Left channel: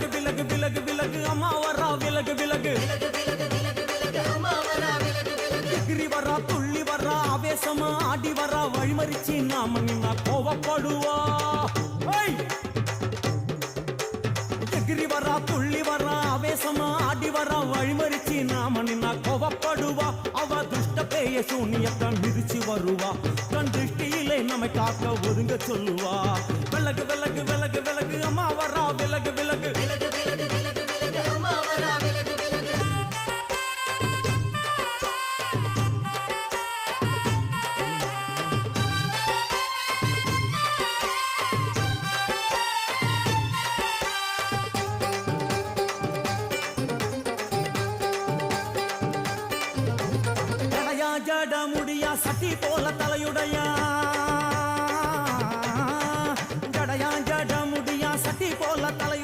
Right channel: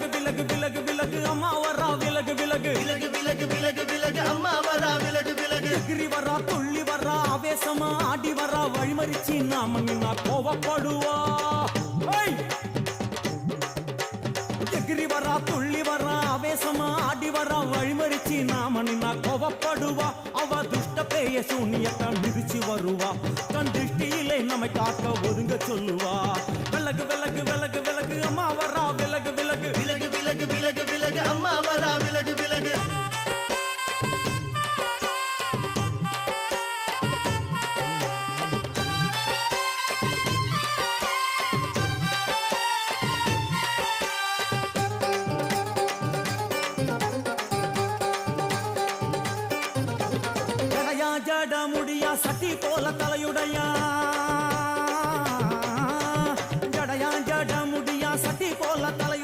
விலகு விலகு விலகு விலகு அம்மா வரா விலகு விலகு எகிரி வரா துள்ளி வரா ஆவேசமா ஆடி வரா வழிமறிச்சு நாம நின்னா கோவப்படுவா எகிரி வரா துள்ளி வரா ஆவேசமா ஆடி வரா வழிமறிச்சு நாம நின்னா கோவப்படுவா அவ துஷ்ட பேய சூனியத்தை மிதிச்சு வருவா கண் திருஷ்டியிலே நம்மை காக்க ஒதுங்க சொல்லுவா விலகு விலகு விலகு விலகு அம்மா வரா விலகு விலகு அம்மா வரா விலகு விலகு ஜட முடியா சட்டி போல தலையுடையா ஜடையா ஜட முடியா சட்டி போல தலையுடைய